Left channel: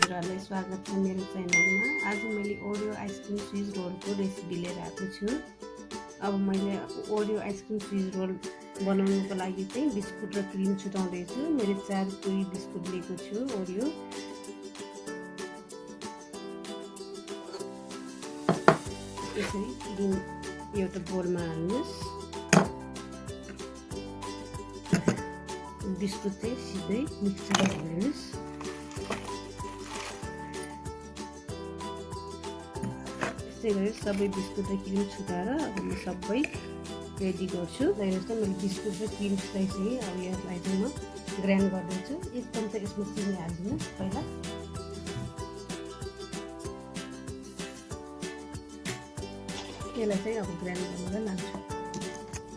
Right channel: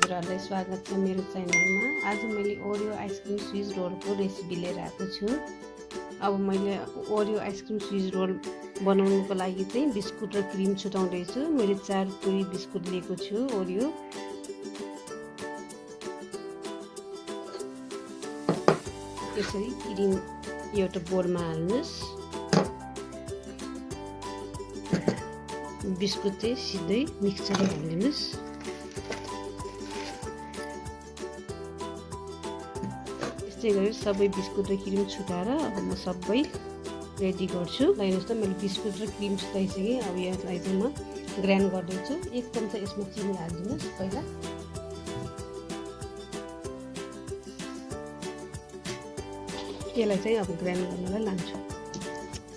हजुरहरूलाई स्वागत छ मेरो च्यानलमा। आज मैले ओरियो आइसक्रिम चीज रोलको रेसिपी लिएर आएको छु। अब मैले ओरियो आइसक्रिम चीज रोल बनाउनुको लागि चाहिँ बिस्कुट र क्रिम छुटाउँदै छु। मैले 4 पुरी बिस्कुट लिएको छु ओरियो। यसरी क्रिम एउटा बोलमा हाल्नुस्। बिस्कुट चाहिँ सिधै मिक्सरमा हालिदिनुस्। त्यस्तै गरी सबै बिस्कुट र क्रिम छुटाएर अब म सबै रेडी गर्छु। हेर्नुहोस् त मैले बिस्कुट र क्रिम छुटाइसकेँ। अब यसलाई चाहिँ म ग्राइन्ड गर्दैछु। 1 चम्चा यसमा चिनी हालिदिनुहोस् पहिला। यसलाई चाहिँ अब ग्राइन्ड गर्नलाई लान्छु।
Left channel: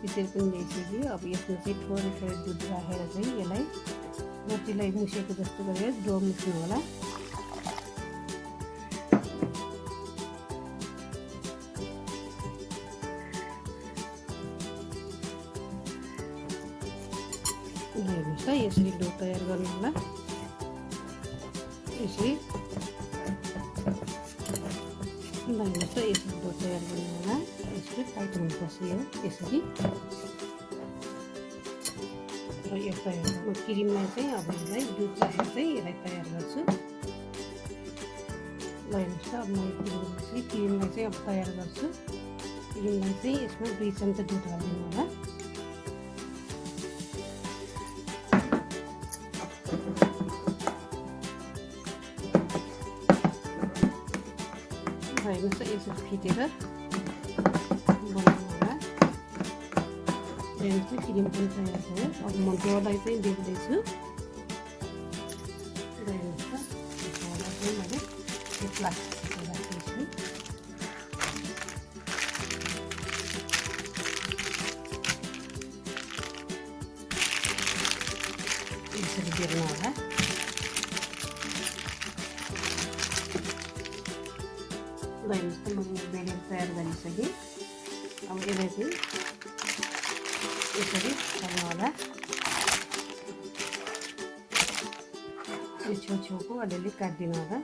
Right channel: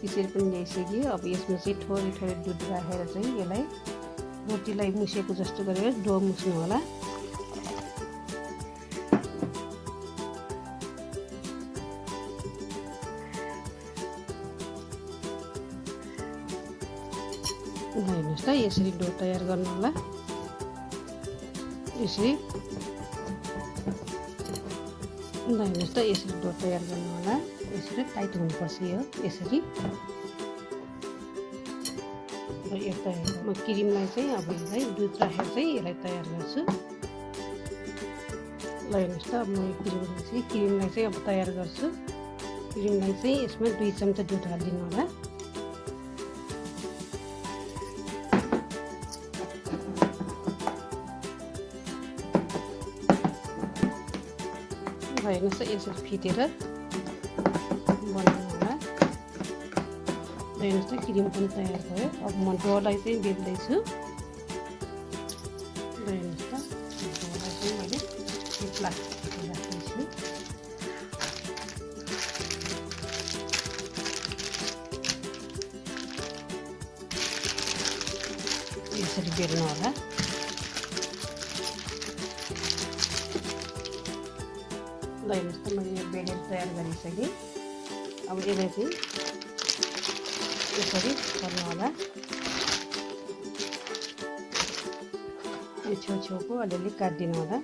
यसरी पनि ल्याइसक्यो। अब यसमा चाहिँ थोरै थोरै दुध राखेर चाहिँ यसलाई रोटीलाई मुसेको जस्तो गरेर डो मुस्नु होला। हेर्नुहोस् त यसरी डो तयार गर्नु होला। यसरी हेर्नुहोस् त यसरी डो तयार गर्नु होला। यसरी टाइट हुनुपर्छ यो यसरी। र यो तयार म क्रिमलाई चाहिँ अब यसलाई दुध राखेर चाहिँ यसलाई तयार गर्छु। ल हेर्नुहोस् त अब म यो क्रिमलाई चाहिँ अब तयार गर्छु। क्रिमलाई चाहिँ यसमा 2 चम्चा दुध हालिदिनु होला। हेर्नुहोस् त यसरी फिटेर बनाउनु होला। हेर्नुहोस् त क्रिम पनि तयार भयो। अब म डोलाई चाहिँ बेल्दैछु। हेर्नुहोस् त डोलाई चाहिँ मैले प्लास्टिकमा राख्दैछु। यसरी बेल्नु होला। हेर्नुहोस् त मैले यो बेलेर तयार गरिसकेँ। अब यसलाई चाहिँ यसरी गर्नु होला। यो छेउछेउको अलिअलि काटिदिनु होला।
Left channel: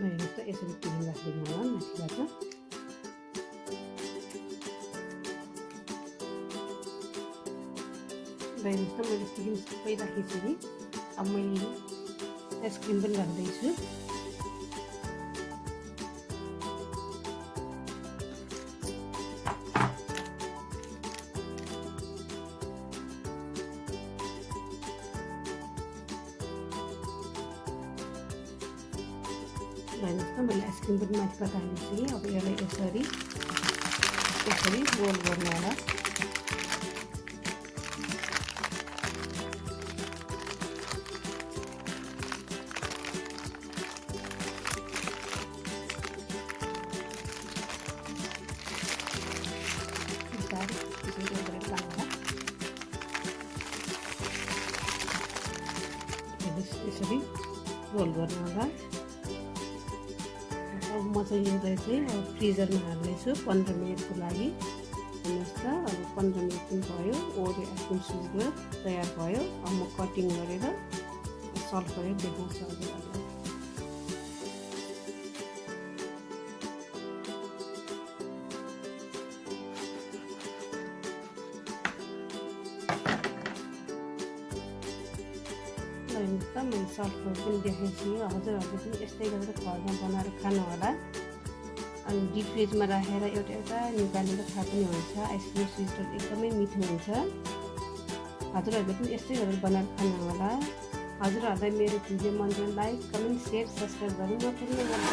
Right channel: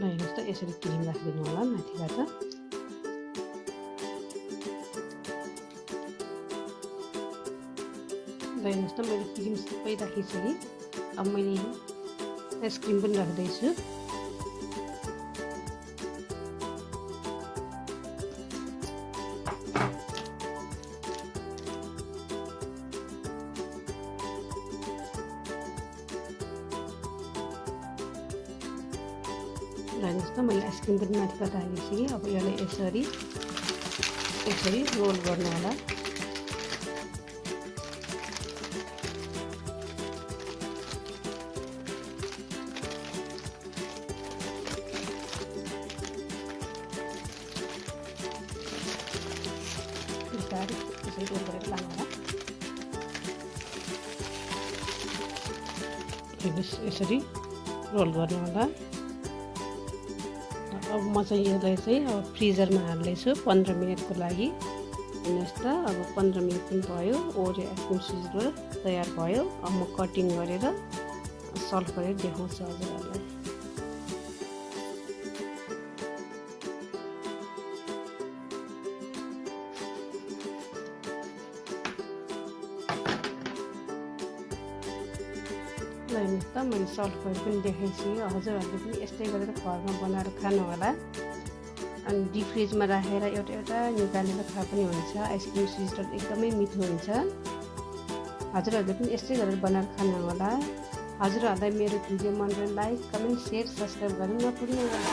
हेर्नुहोस् त यसरी क्रिम राखिदिनु होला माथिबाट। हेर्नुहोस् त मैले क्रिम सबै राखिसकेँ। अब मैले आइसक्रिम पनि राख्दैछु। हेर्नुहोस् त मैले आइसक्रिम पनि माथिबाट हालिसकेँ। अब यसलाई यसरी रोल गर्नु होला। यसरी रोल गरेर लानु होला। हेर्नुहोस् यसरी रोल गर्नु होला। अब म चाहिँ यसलाई चाहिँ अब फ्रिजरमा हाल्दैछु 15 मिनटको लागि। हेर्नुहोस् त अब 15 मिनट पनि भयो। ओरियो आइसक्रिम चीज रोल तयार भयो। अब म कटिङ गरेर सर्भ गरेर देखाउँछु हजुरहरूलाई। हेर्नुहोस् त मैले सर्भ गरेर पनि देखाइसकेँ। हजुरहरूले पनि यस्तै गरेर घरमा बनाएर खानु होला। अनि डिप फ्रिजमा राखेर एउटा निकालेर खाए पनि हुन्छ। आइसक्रिम चीज रोल एकदमै मिठो हुन्छ। हजुरहरूले पनि यस्तै गरेर बनाएर खानु होला। हजुरहरूलाई मेरो भिडियो मन परे लाइक, कमेन्ट, शेयर, सब्सक्राइब गर्नु नभुल्नु होला।